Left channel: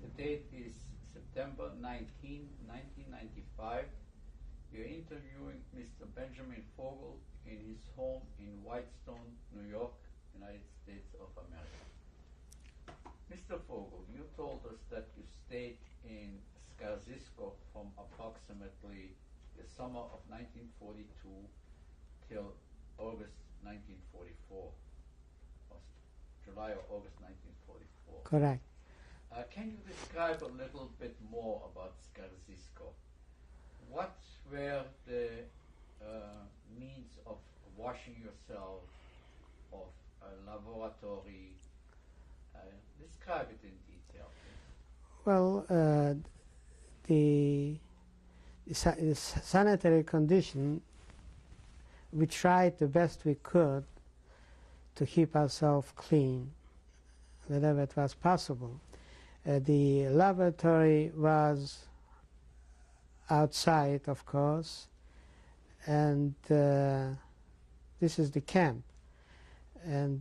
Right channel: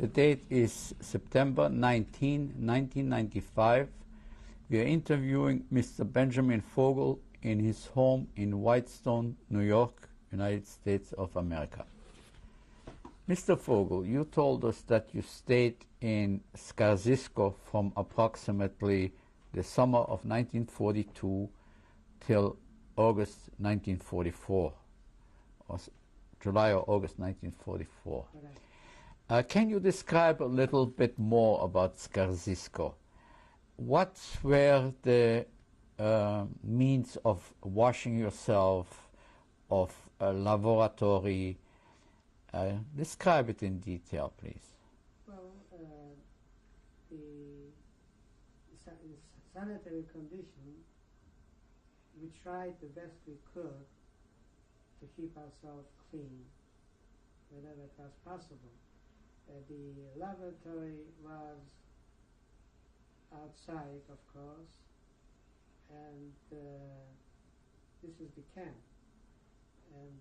The date is September 19, 1995. We are interviewing Mr. Benjamin Fogel in his home in Whitestone, New York, United States of America. Mr. Fogel, you told us that you stayed in Skaržisko from approximately the summer of 1942 till August 1944, or July or August 1944. Correct. Can you describe a little bit more about Skaržisko? What were the means of washing yourself, of a laboratory? Describe it in detail, please. Well, the sanitary condition, we tried the best we could to keep ourselves clean, whenever it was possible. The laboratory was outside, of course, and this is the camp. And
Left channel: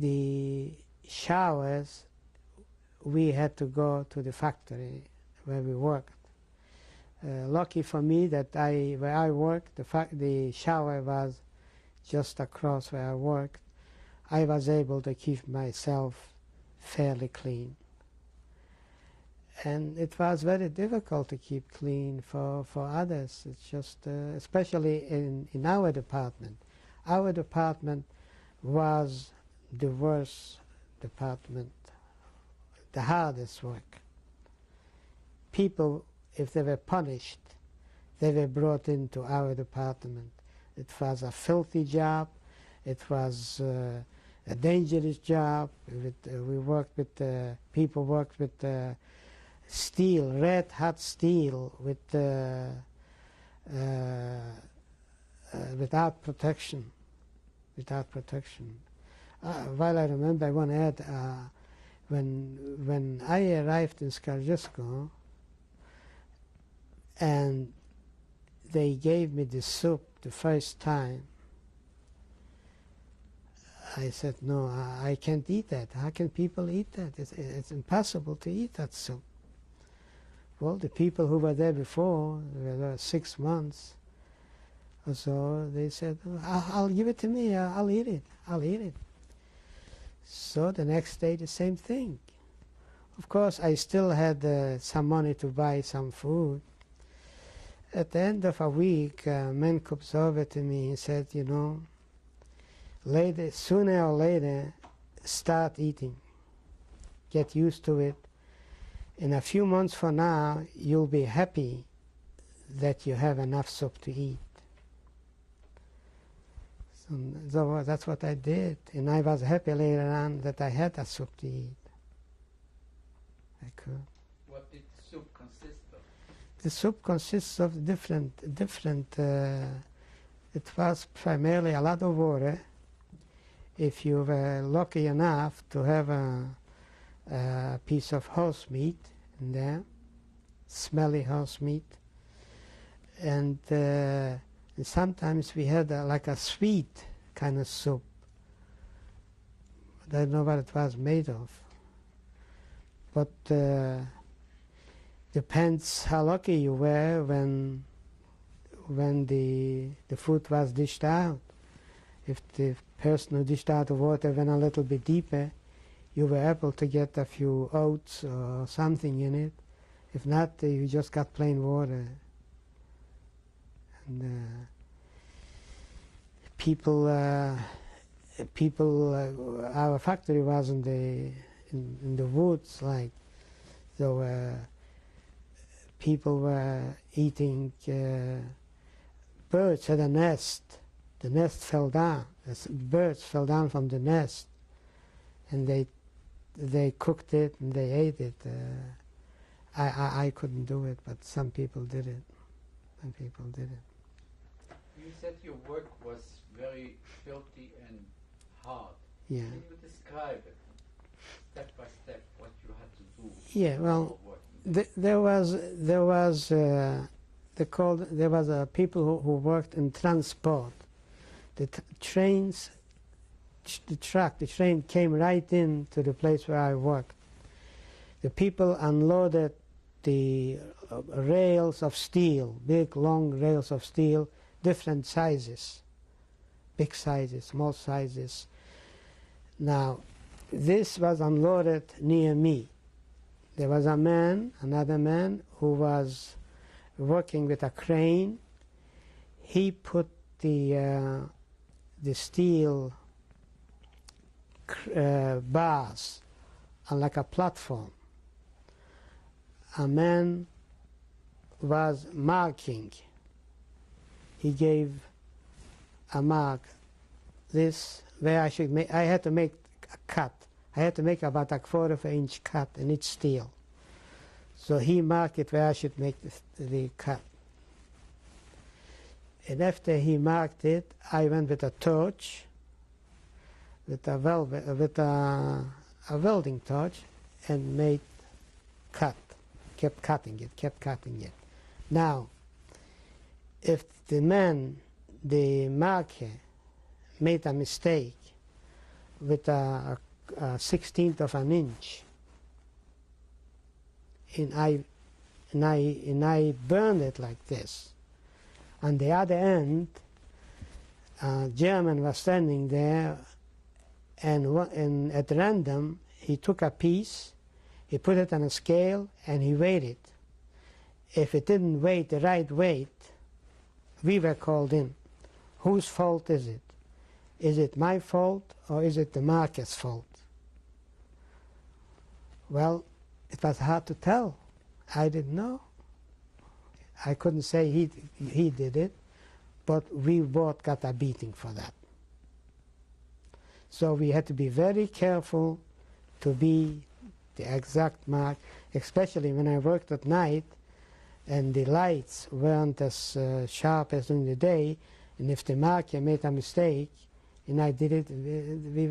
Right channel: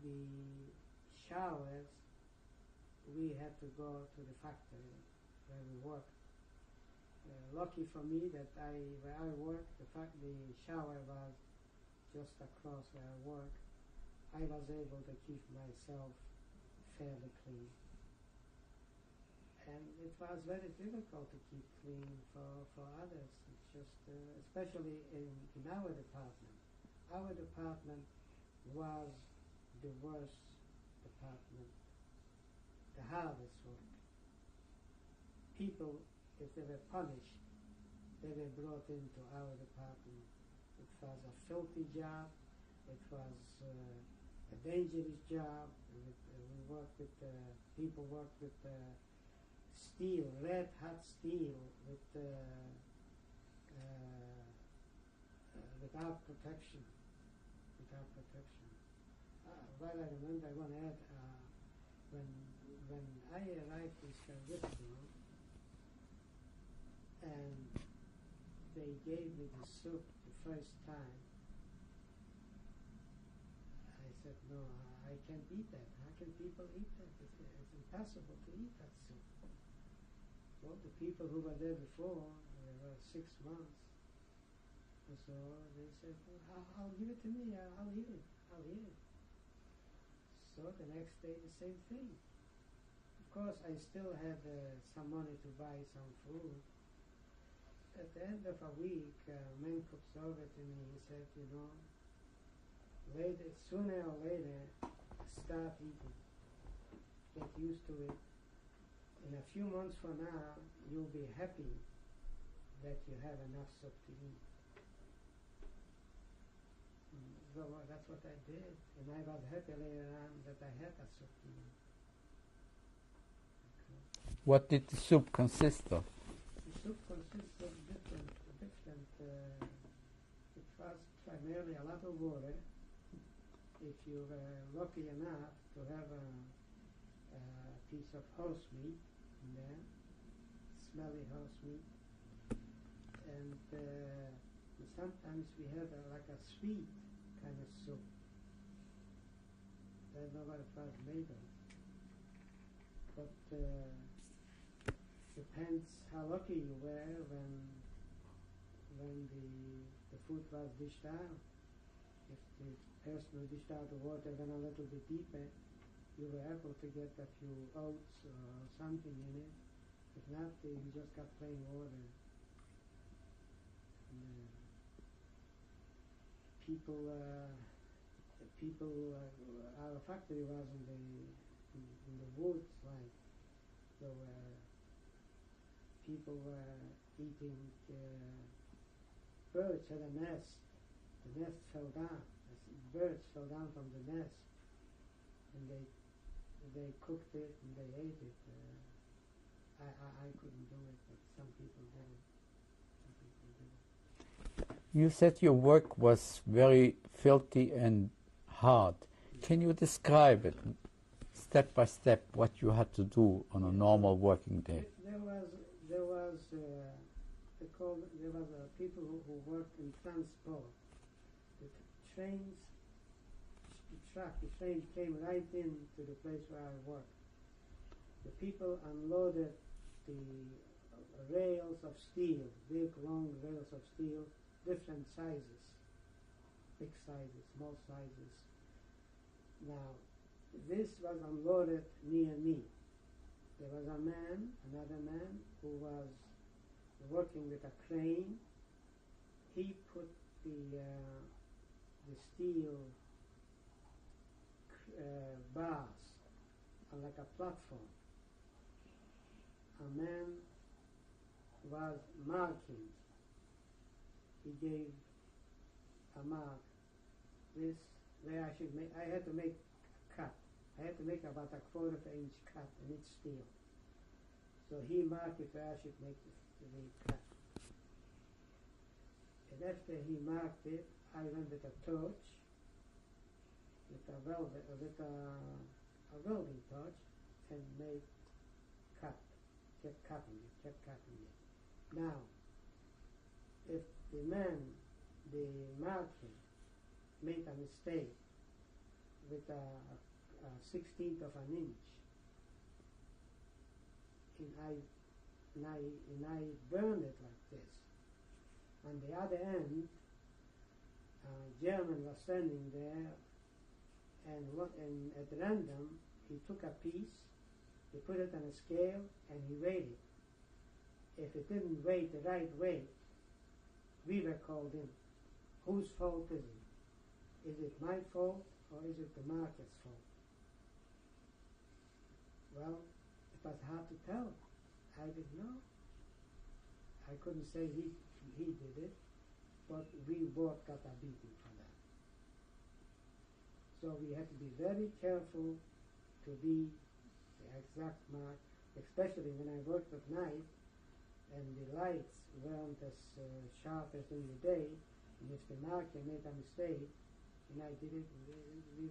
the showers, we had to go to the factory where we worked. Lucky for me that where I worked, the shower was just across where I worked. I was able to keep myself fairly clean. And it was very difficult to keep clean for others. It's just, especially in our department. Our department was the worst department, the hardest work. People, if they were punished, they were brought into our department. It was a filthy job. It was a dangerous job. We worked with, people worked with steel, red hot steel, without protection. Without protection. While I remember, I want to add, when I arrived in Skaržisko, and they gave me the soup the first time, I said, no, I can't eat that. How can people eat that? It's impossible to eat that soup. Well, the people who were there before, they were 6 months or so, they said, I'll give it to me, I'll eat it, I'll eat it. So the next day, the same thing. Of course, I still had some money to buy some food. At the end of a week, a man comes over to me and said, you know, later, sooner or later, start eating. Get used to it. In a few months from now, you'll be happy that you have enough soup to eat. So that's what I did, and I was happy later on that I had that soup to eat. I could. What did the soup consist of? The soup consists of different. It was primarily a lot of water. If you were lucky enough to have a piece of horse meat in there, smelly horse meat, and sometimes we had like a sweet kind of soup. I don't know what it was made of, but depends how lucky you were when the food was dished out. If the person who dished out the water went a little bit deeper, you were able to get a few oats or something in it. If not, you just got plain water. And our factory was in the woods, like, so people were eating. Birds had a nest. The nest fell down. Birds fell down from the nest, and they cooked it and they ate it. I couldn't do it, but some people did it. Some people did it. You said your work was very filthy and hard. Yeah. Can you describe it step by step, what you had to do on a normal working day? There was people who worked in transport. The trains the train came right in to the place where I worked. The people unloaded the rails of steel, big long rails of steel, different sizes, big sizes, small sizes. Now, this was unloaded near me. There was a man, another man, who was working with a crane. He put the steel bars on like a platform. A man was marking. He gave a mark, this, where I should make, I had to make a cut. I had to make about a 1/4 inch cut in each steel. So he marked it where I should make the cut. And after he marked it, I went with a torch, with a welding torch, and made cut. Kept cutting it. Now, if the man, the marker, made a mistake with a 1/16 of an inch, and I burned it like this. On the other end, a German was standing there, and at random, he took a piece, he put it on a scale, and he weighed it. If it didn't weigh the right weight, we were called in. Whose fault is it? Is it my fault, or is it the marker's fault? Well, it was hard to tell. I didn't know. I couldn't say he did it, but we both got a beating for that. So we had to be very careful to be the exact mark, especially when I worked at night and the lights weren't as sharp as during the day, and if the marker made a mistake and I did it, we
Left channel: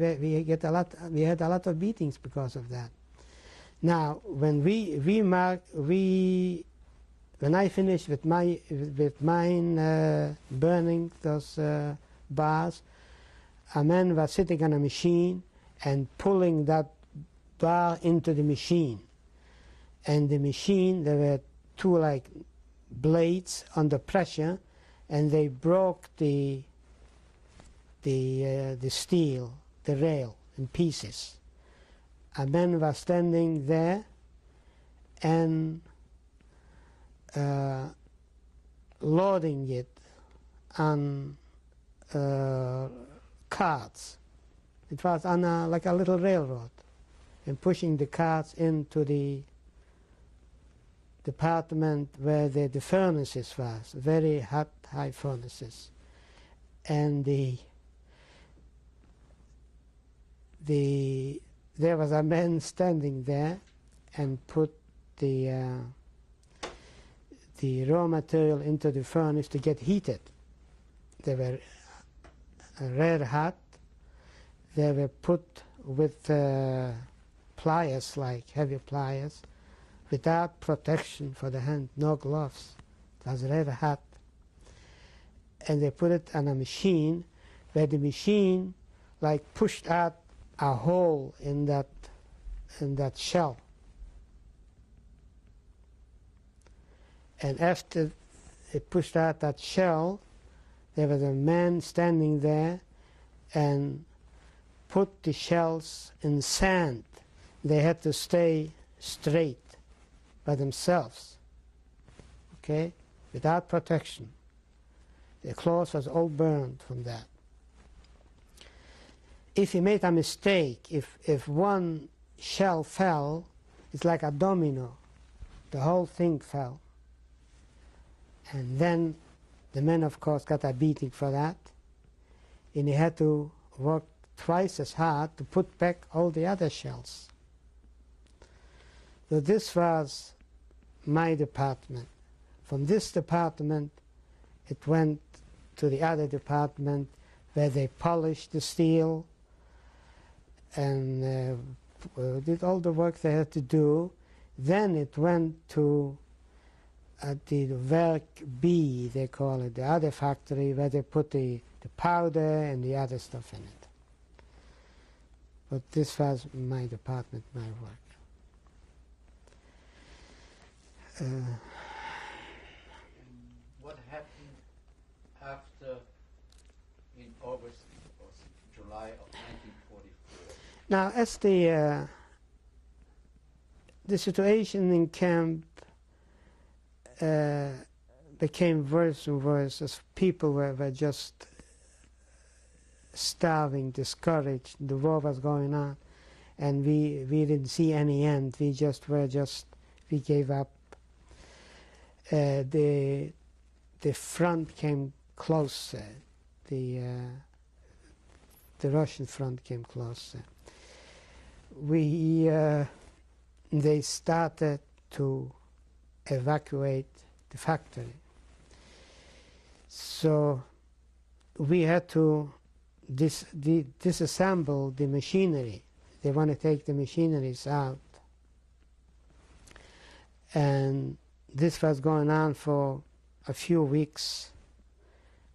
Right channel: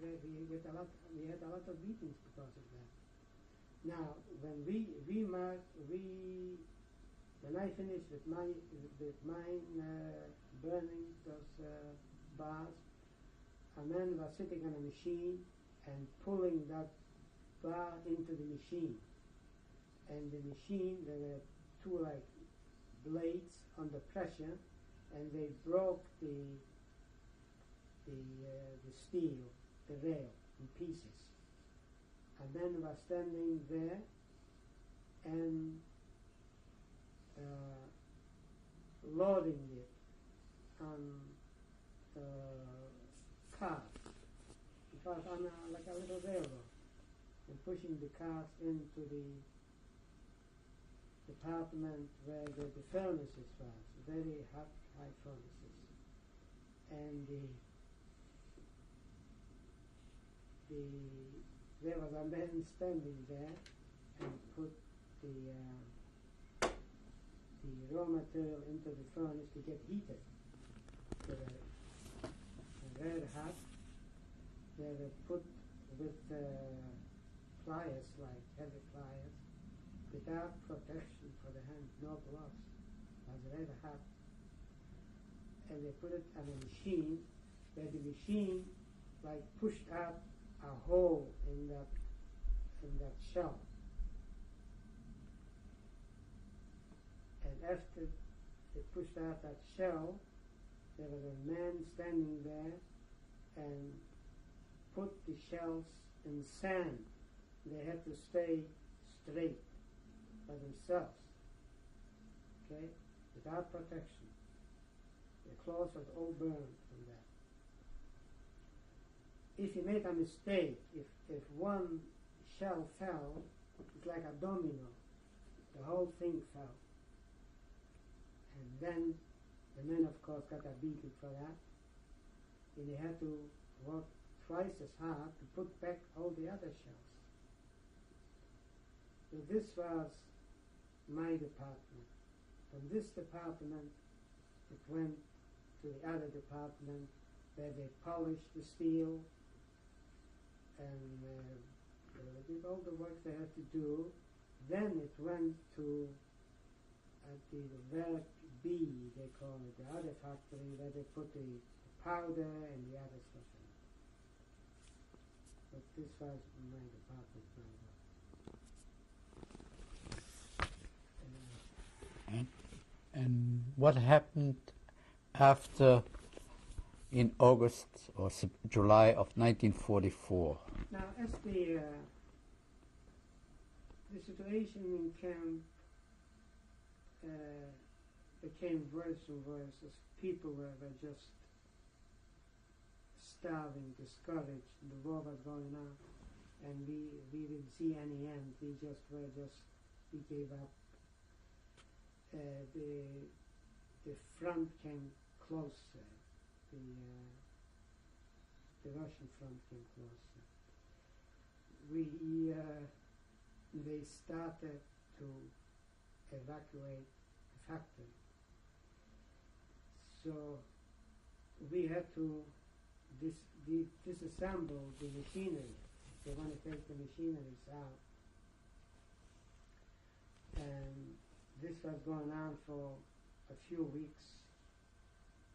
had a lot of beatings because of that. Now, when when I finished with mine burning those bars, a man was sitting on a machine and pulling that bar into the machine. And the machine, there were two like blades under pressure, and they broke the steel, the rail, in pieces. A man was standing there and loading it on carts. It was on like a little railroad, and pushing the carts into the department where the furnaces was, very hot, high furnaces. And there was a man standing there and put the raw material into the furnace to get heated. They were red hot. They were put with pliers, like heavy pliers, without protection for the hand, no gloves. It was red hot. And they put it on a machine, where the machine like pushed out a hole in that shell. And after it pushed out that shell, there was a man standing there and put the shells in sand. They had to stay straight by themselves, okay, without protection. The clothes was all burned from that. If he made a mistake, if one shell fell, it's like a domino. The whole thing fell. And then the man, of course, got a beating for that. And he had to work twice as hard to put back all the other shells. So this was my department. From this department, it went to the other department where they polished the steel and did all the work they had to do. Then it went to the Werk B, they call it, the other factory where they put the powder and the other stuff in it. but this was my department, my work. And what happened after in August or July of 1944? Now, as the situation in camp became worse and worse, as people were just starving, discouraged, the war was going on, and we didn't see any end. We gave up. The front came closer. The Russian front came closer. They started to evacuate the factory. So we had to disassemble the machinery. They want to take the machineries out. And this was going on for a few weeks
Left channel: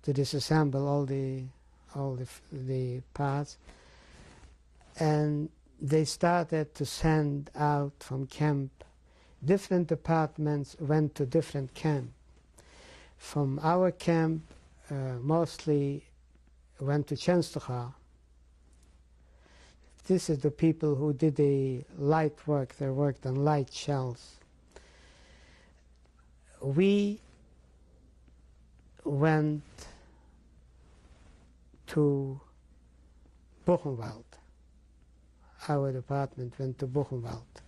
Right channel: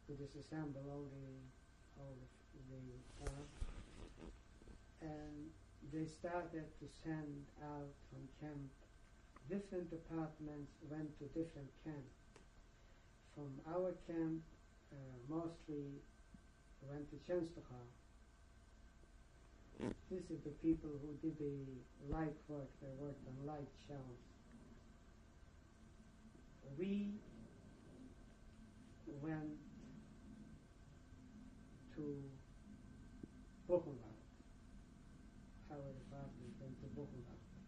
to disassemble all the parts. And they started to send out from camp. Different departments went to different camp. From our camp, mostly went to Częstochowa. This is the people who did the light work. They worked on light shells. We went to Buchenwald. Our department went to Buchenwald.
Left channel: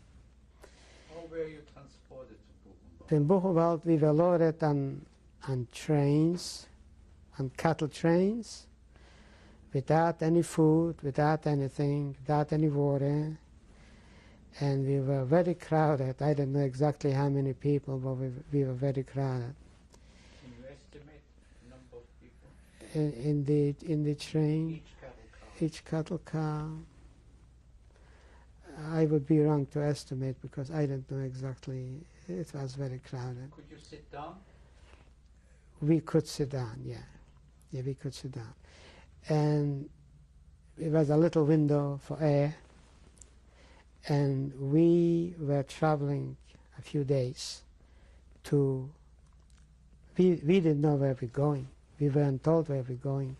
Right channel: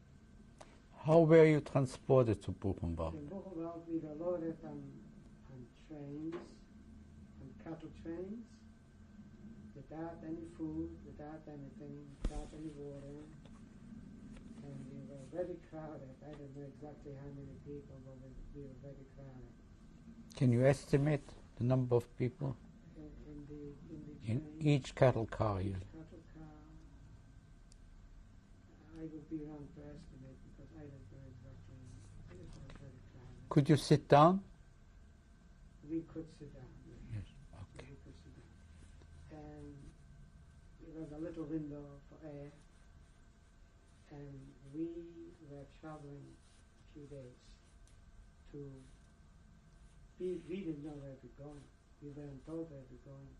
How were you transported to Buchenwald? In Buchenwald, we were loaded on trains, on cattle trains, without any food, without anything, without any water. And we were very crowded. I don't know exactly how many people, but we were very crowded. Can you estimate the number of people? In the train? Each cattle car? Each cattle car. I would be wrong to estimate because I don't know exactly. It was very crowded. Could you sit down? We could sit down, yeah. Yes. Okay. Yeah, we could sit down. And it was a little window for air. And we were traveling a few days to, we didn't know where we're going. We weren't told where we're going.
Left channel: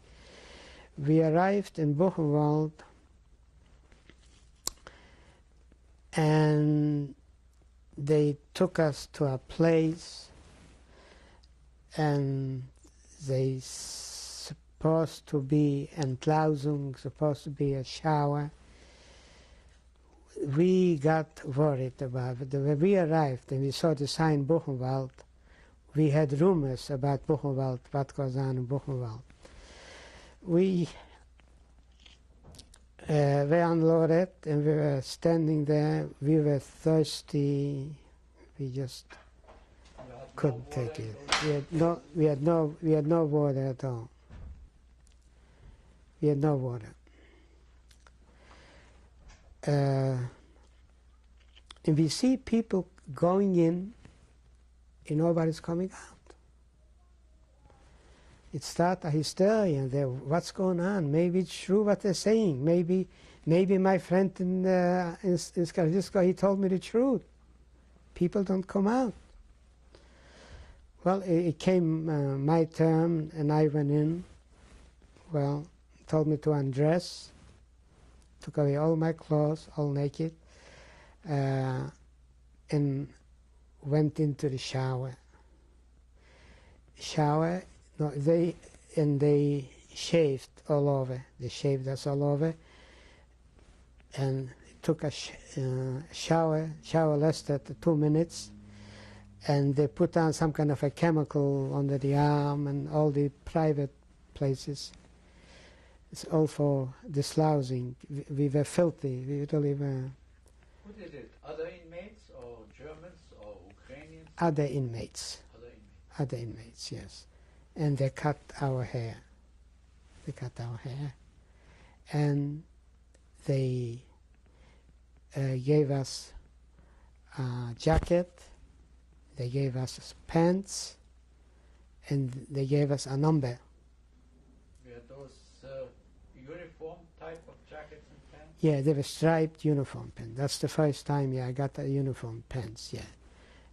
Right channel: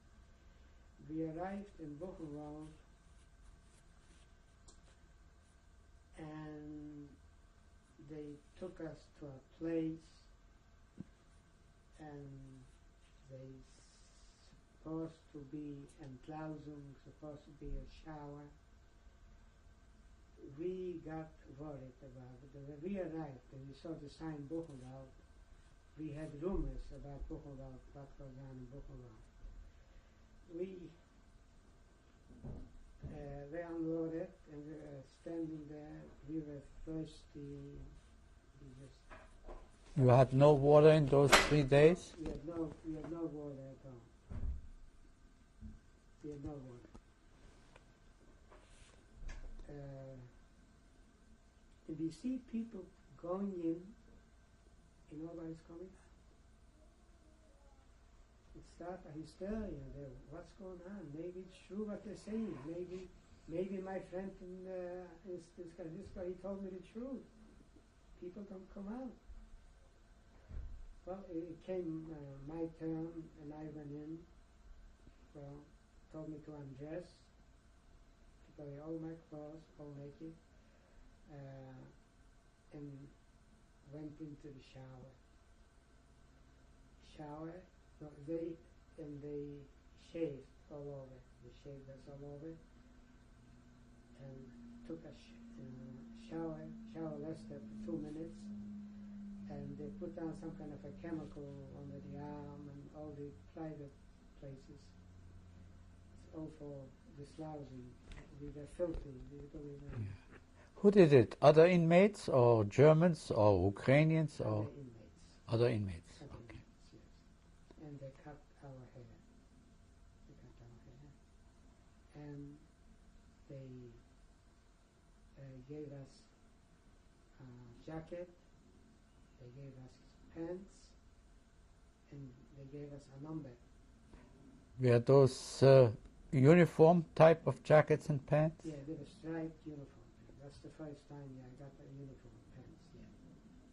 We arrived in Buchenwald, and they took us to a place, and they supposed to be Entlausung, supposed to be a shower. We got worried about it. When we arrived and we saw the sign Buchenwald, we had rumors about Buchenwald, what goes on in Buchenwald. We were unloaded and we were standing there. We were thirsty. We just You had no water in those 3 days? We had no water at all. We had no water. And we see people going in and nobody's coming out. It started a hysteria there. What's going on? Maybe it's true what they're saying. Maybe my friend in Skalisko, he told me the truth. People don't come out. Well, it came my turn and I went in. Well, told me to undress. Took away all my clothes, all naked, and went into the shower. They shaved all over. They shaved us all over, and took a shower. Shower lasted 2 minutes, and they put on some kind of a chemical under the arm and all the private places. It's all for dislousing. We were filthy. We really were. Who did it? Other inmates or Germans or Ukrainians? Other inmates. Other inmates. Other inmates, yes. And they cut our hair. They cut our hair. And they gave us a jacket. They gave us pants. And they gave us a number. Were those uniform type of jackets and pants? Yeah, they were striped uniform pants. That's the first time, yeah, I got a uniform pants, yeah.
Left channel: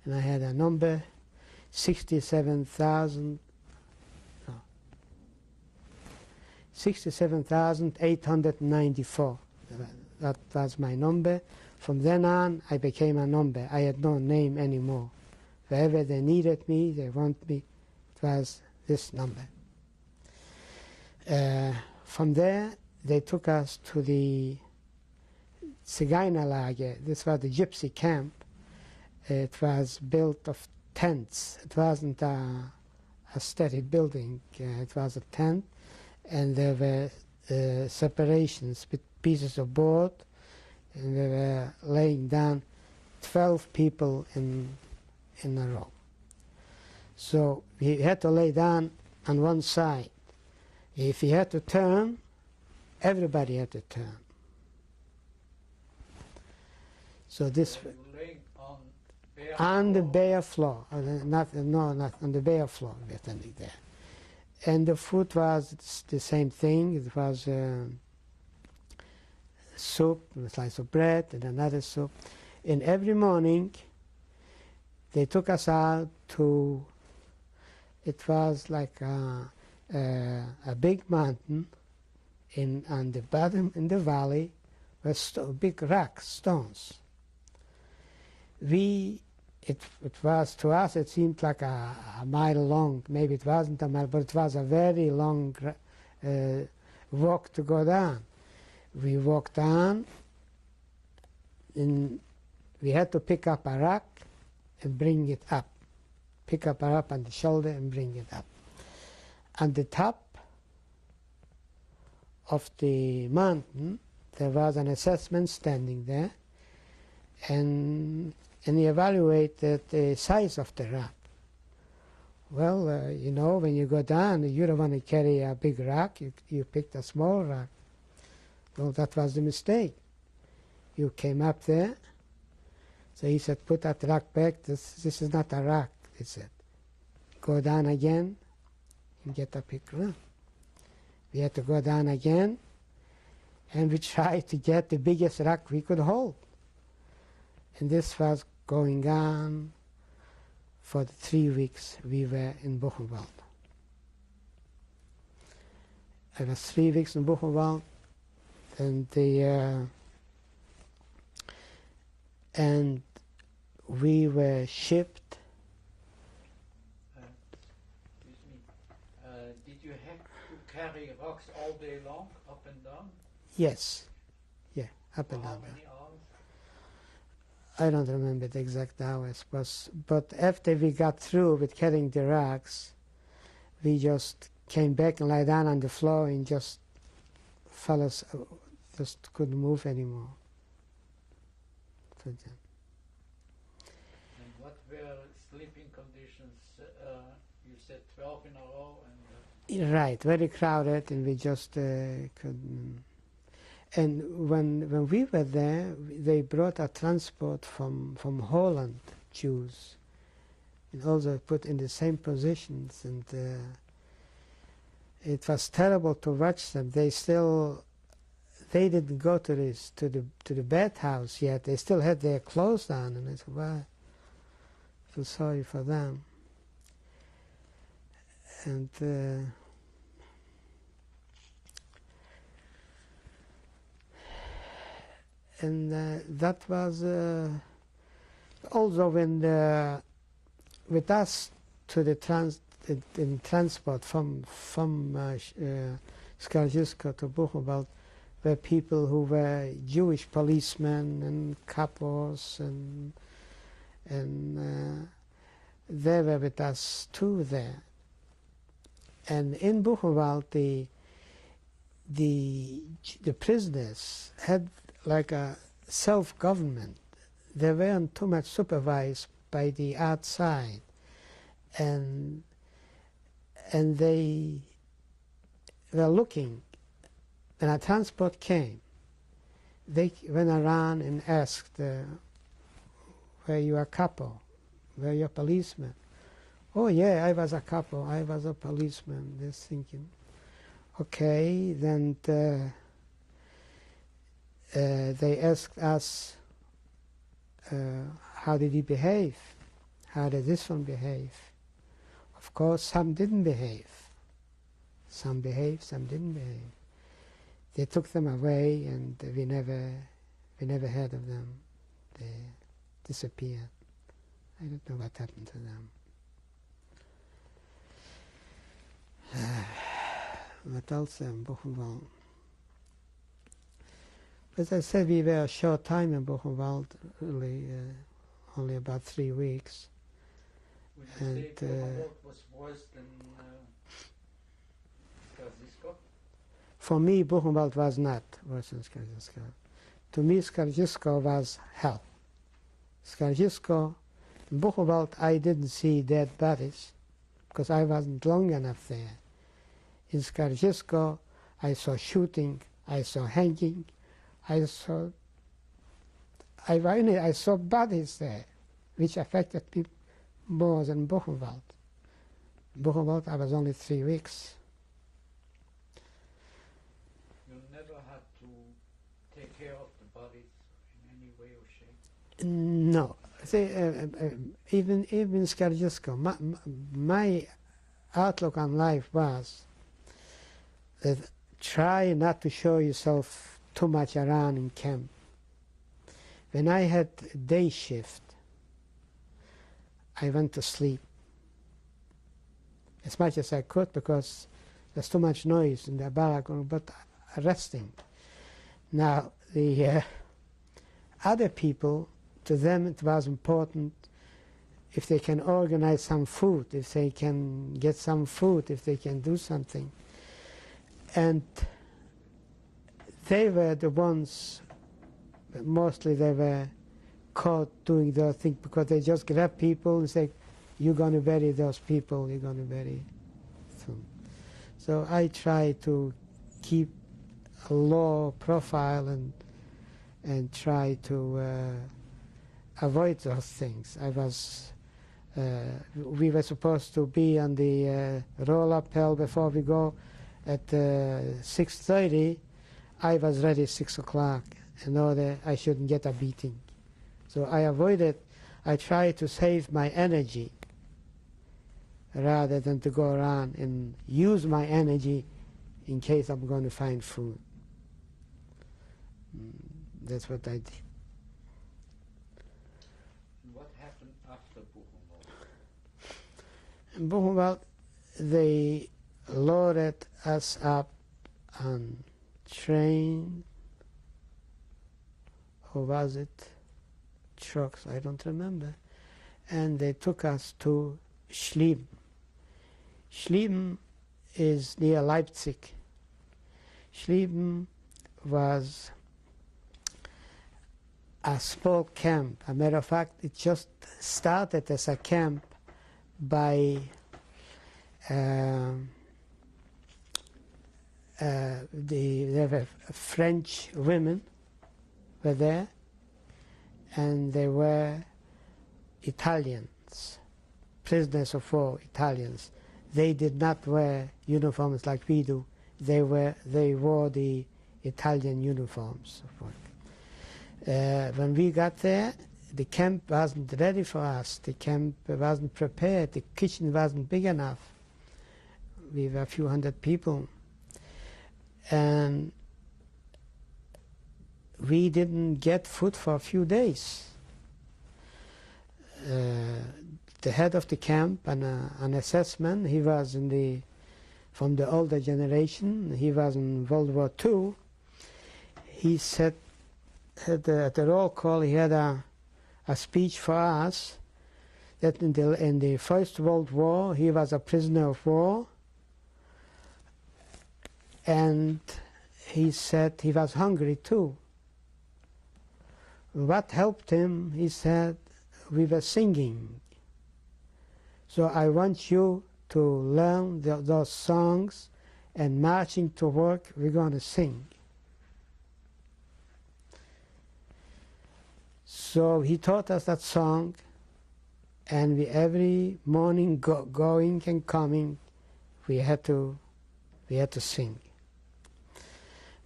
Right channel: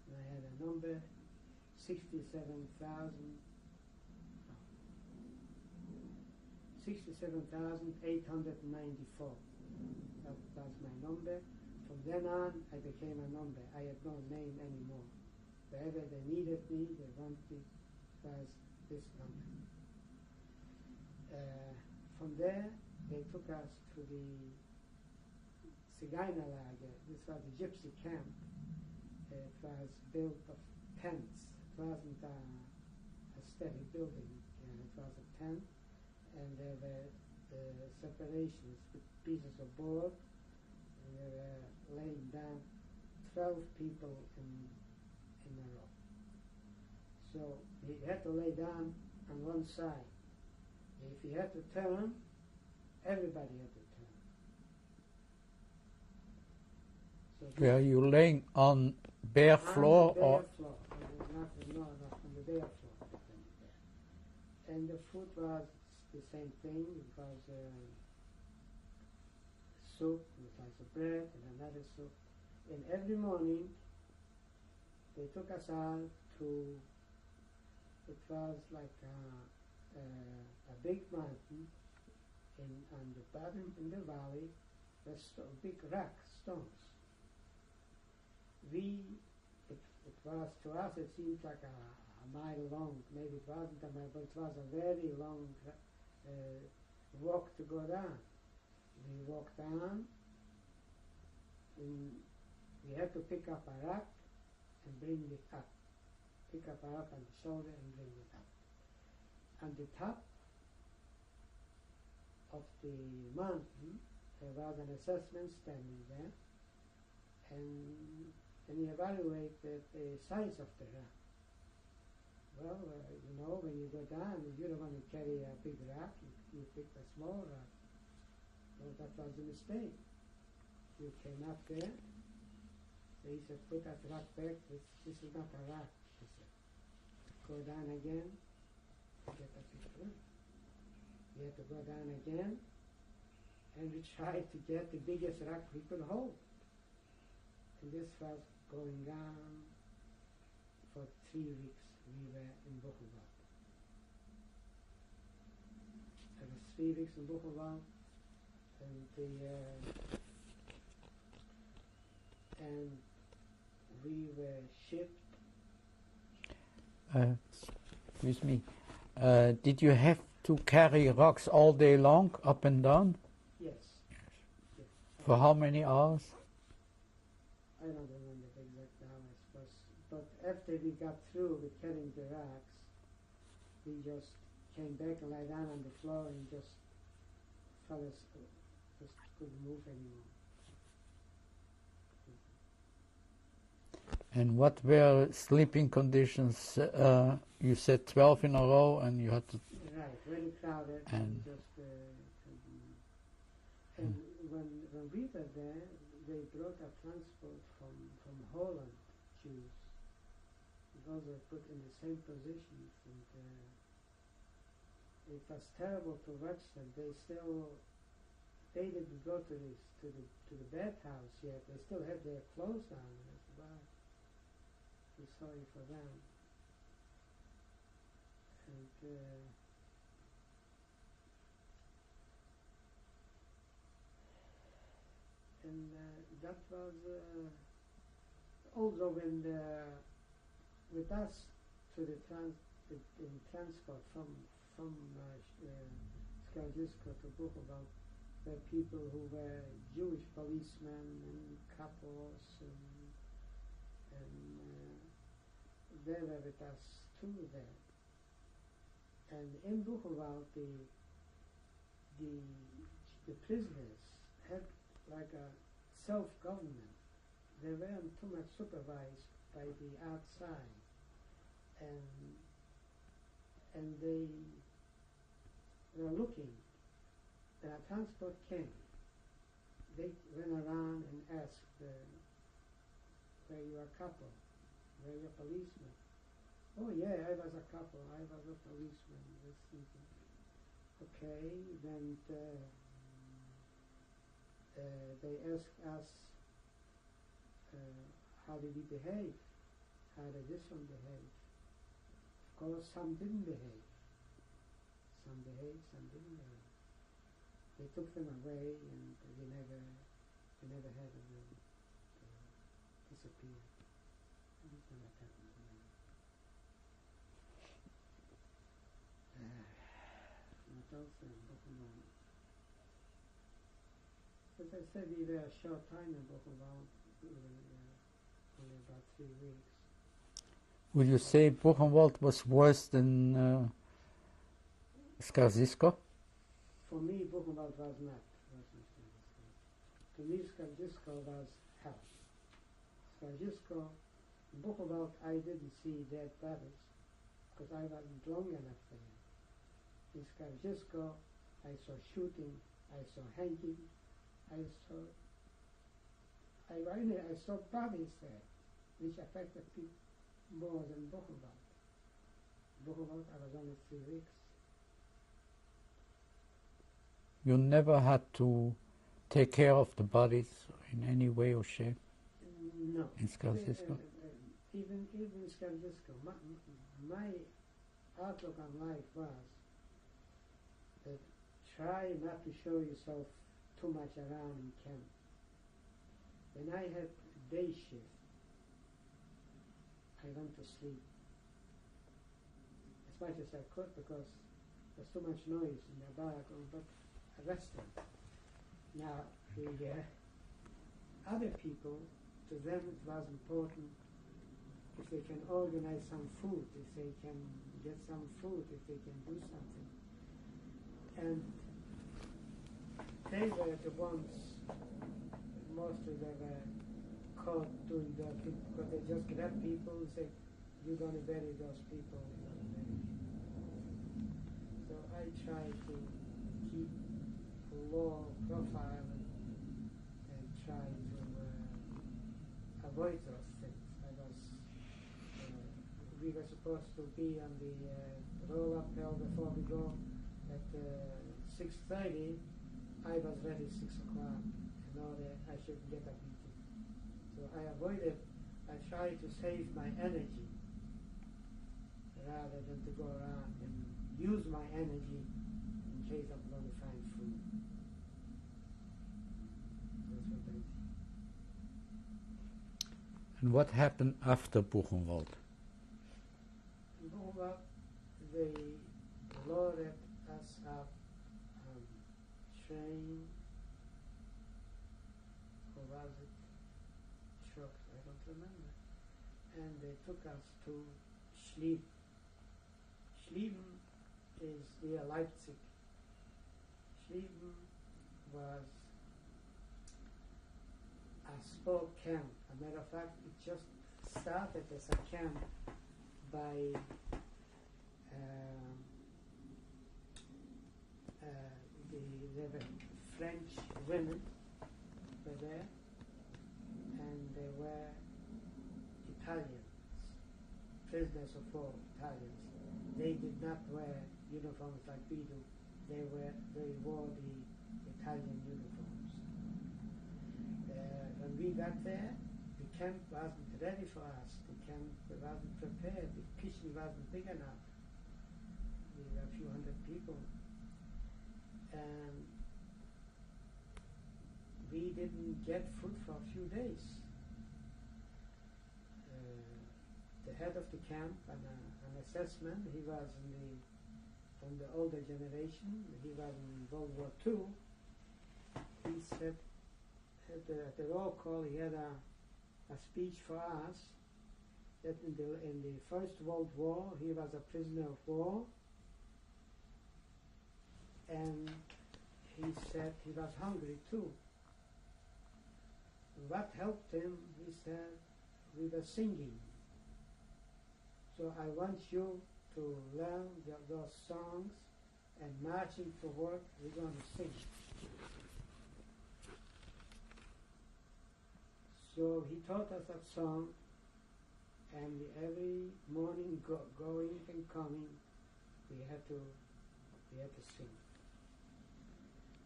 And I had a number 67,894. That was my number. From then on, I became a number. I had no name anymore. Wherever they needed me, they want me, it was this number. From there, they took us to the Zigeunerlager. This was the Gypsy Camp. It was built of tents. It wasn't a steady building. It was a tent, and there were separations with pieces of board, and we were laying down 12 people in a row. So we had to lay down on one side. If you had to turn, everybody had to turn. So this Were you laying on bare floor? on the bare floor, not on the bare floor. We were standing there, and the food was the same thing. It was soup, a slice of bread, and another soup. And every morning, they took us out to. It was like a big mountain on the bottom in the valley with big rocks, stones. It was, to us, it seemed like a mile long. Maybe it wasn't a mile, but it was a very long walk to go down. We walked down, and we had to pick up a rock and bring it up. Pick up a rock on the shoulder and bring it up. On the top of the mountain, there was an assessment standing there, and he evaluated the size of the rock. Well, you know, when you go down, you don't want to carry a big rock. You picked a small rock. Well, that was the mistake. You came up there. So he said, put that rock back. This is not a rock, he said. Go down again and get a big rock. We had to go down again, and we tried to get the biggest rock we could hold. And this was going on for the 3 weeks we were in Buchenwald. I was 3 weeks in Buchenwald, and we were shipped. Excuse me. Did you have to carry rocks all day long, up and down? Yes. Yeah. For how many hours? I don't remember the exact hours, but after we got through with carrying the rocks, we just came back and lay down on the floor and just just couldn't move anymore. And what were sleeping conditions? You said 12 in a row, and you had to... Right, very crowded, and we just couldn't... And when we were there, they brought a transport from Holland, Jews, and also put in the same positions, and it was terrible to watch them. They didn't go to the bathhouse yet. They still had their clothes on, and I said, "Wow, I feel sorry for them." And that was also when with us to the transport from Skaržisko to Buchenwald were people who were Jewish policemen and kapos, and they were with us too there. And in Buchenwald, the prisoners had like a self-government. They weren't too much supervised by the outside, and they were looking. When a transport came, they went around and asked, "Were you a capo? Were you a policeman?" "Oh yeah, I was a capo. I was a policeman." They're thinking, Okay, then they asked us, how did he behave? How did this one behave? Of course, some didn't behave. Some behaved, some didn't behave. They took them away, and we never heard of them. They disappeared. I don't know what happened to them. What else in Buchenwald? As I said, we were a short time in Buchenwald, really, only about 3 weeks. Would you say Buchenwald was worse than Skaržisko? For me, Buchenwald was not worse than Skaržisko. To me, Skaržisko was hell. Skaržisko, in Buchenwald, I didn't see dead bodies because I wasn't long enough there. In Skaržisko, I saw shooting, I saw hanging, I saw bodies there, which affected me more than Buchenwald. Buchenwald, I was only 3 weeks. You never had to take care of the bodies in any way or shape? No. See, even in Skaržisko, my outlook on life was that try not to show yourself too much around in camp. When I had day shift, I went to sleep as much as I could because there's too much noise in the barrack, but resting. Now, the other people, to them it was important if they can organize some food, if they can get some food, if they can do something. And they were the ones, mostly they were caught doing their thing because they just grab people and say, you're going to bury those people, you're going to bury them. So I try to keep a low profile and try to avoid those things. We were supposed to be on the roll-up hill before we go at 6:30. I was ready at 6 o'clock in order I shouldn't get a beating. So I avoided, I tried to save my energy rather than to go around and use my energy in case I'm going to find food. That's what I did. And what happened after Buchenwald? In Buchenwald, they loaded us up on train, or was it trucks, I don't remember, and they took us to Schlieben. Schlieben is near Leipzig. Schlieben was a small camp. As a matter of fact, it just started as a camp by there were French women were there, and they were Italians, prisoners of war, Italians. They did not wear uniforms like we do. They wore the Italian uniforms. When we got there, the camp wasn't ready for us. The camp wasn't prepared. The kitchen wasn't big enough. We were a few hundred people. And we didn't get food for a few days. The head of the camp, an assessment, he was from the older generation. He was in World War II. He said, at the roll call, he had a speech for us that in the First World War, he was a prisoner of war. And he said he was hungry too. What helped him, he said, we were singing. So I want you to learn those songs, and marching to work, we're going to sing. So he taught us that song, and we every morning going and coming, we had to sing.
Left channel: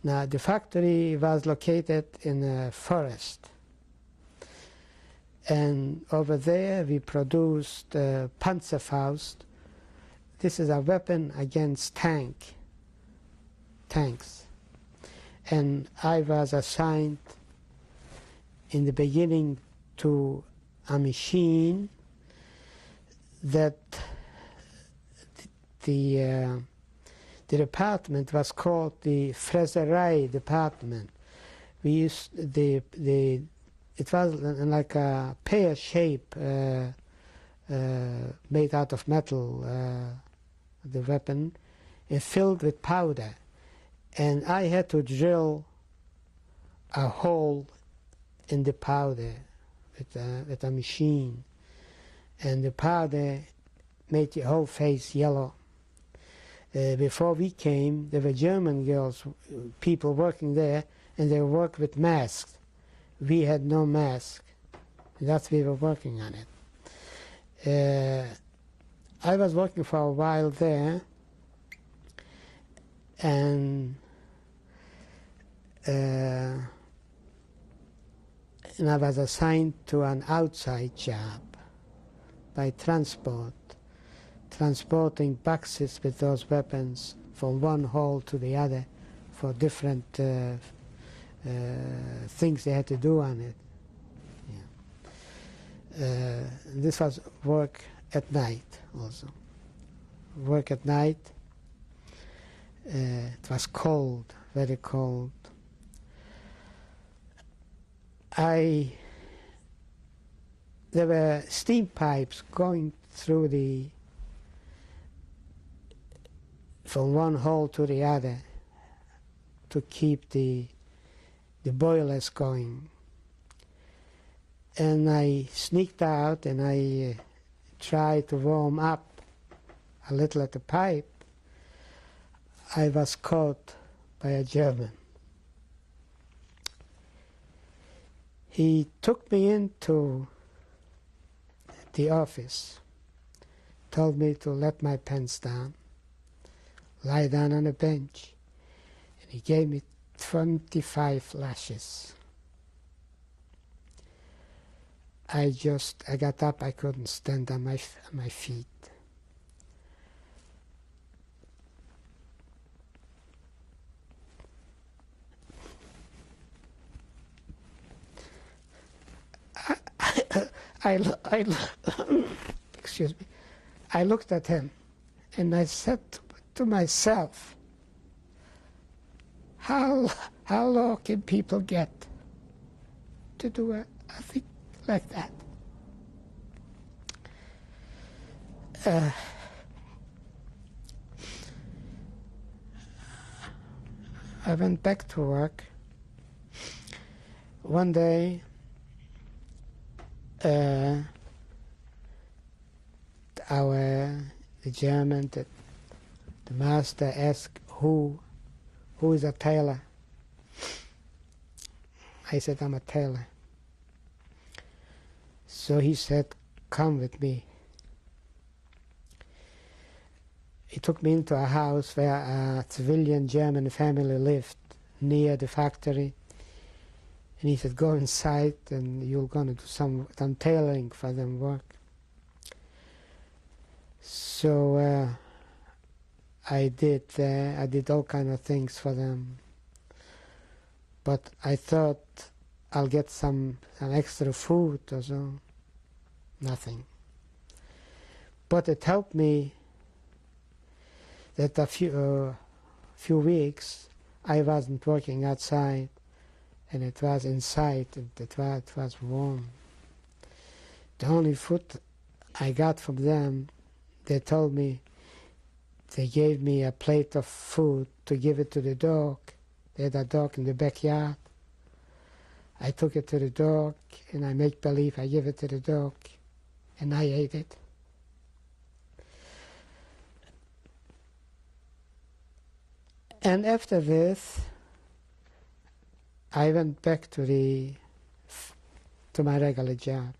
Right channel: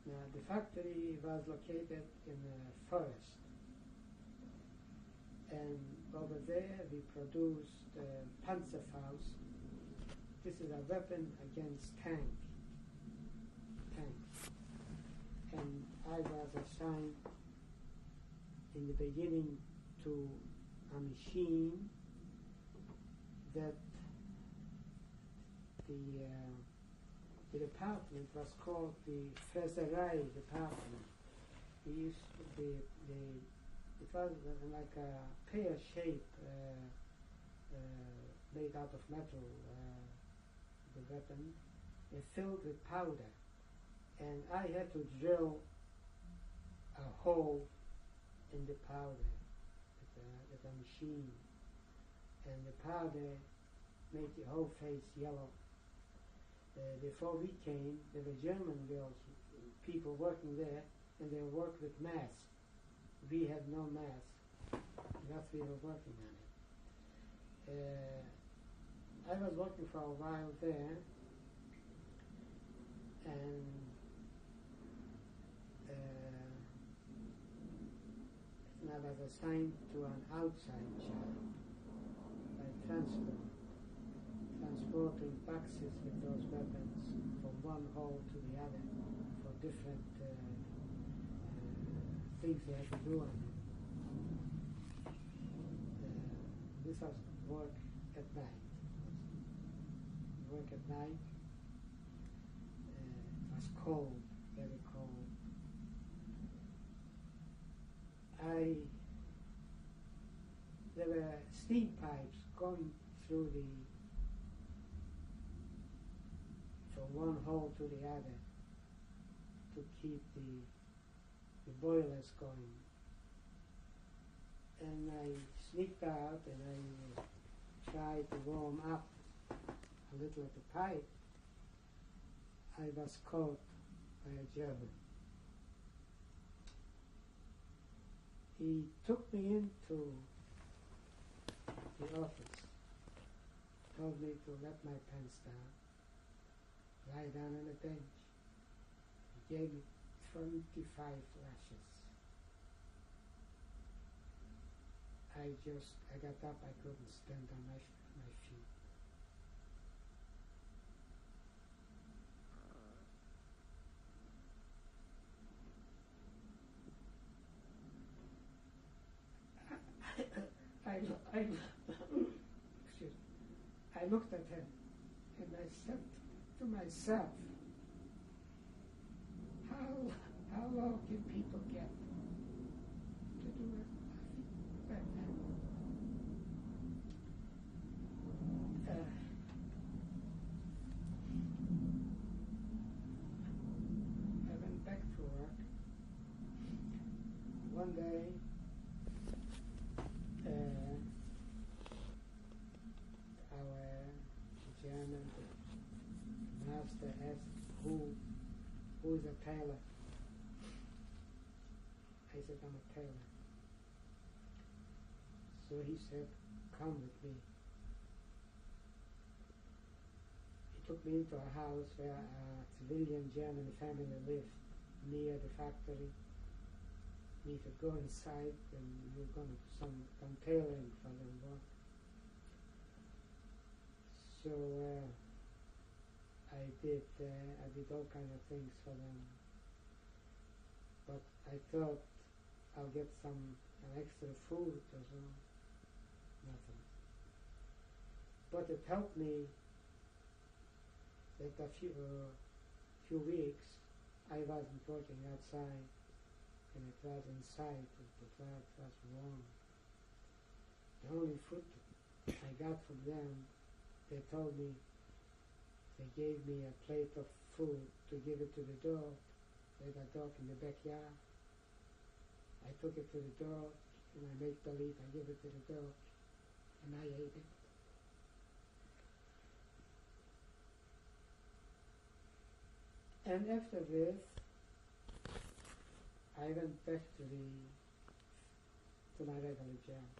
Now, the factory was located in a forest. And over there we produced Panzerfaust. This is a weapon against tanks. And I was assigned in the beginning to a machine that the department was called the Fräserei department. We used it was like a pear shape made out of metal, the weapon, filled with powder. And I had to drill a hole in the powder with a machine. And the powder made the whole face yellow. Before we came, there were German girls, people working there, and they worked with masks. We had no mask. That's why we were working on it. I was working for a while there, and I was assigned to an outside job by transporting boxes with those weapons from one hole to the other for different things they had to do on it. Yeah. This was work at night also. Work at night. It was cold, very cold. There were steam pipes going through from one hole to the other to keep the boilers going. And I sneaked out and I tried to warm up a little at the pipe. I was caught by a German. He took me into the office, told me to let my pants down, lie down on a bench, and he gave me 25 lashes. I got up, I couldn't stand on my feet. Excuse me. I looked at him and I said to myself, how low can people get to do a thing like that? I went back to work. One day, the German, the master asked who is a tailor. I said, I'm a tailor. So he said, come with me. He took me into a house where a civilian German family lived near the factory. And he said, go inside and you're going to do some tailoring for them work. So I did all kind of things for them. But I thought I'll get some extra food or so. Nothing. But it helped me that a few weeks I wasn't working outside, and it was inside, and it was warm. The only food I got from them, they told me, they gave me a plate of food to give it to the dog. They had a dog in the backyard. I took it to the dog, and I make believe I give it to the dog, and I ate it. And after this, I went back to my regular job.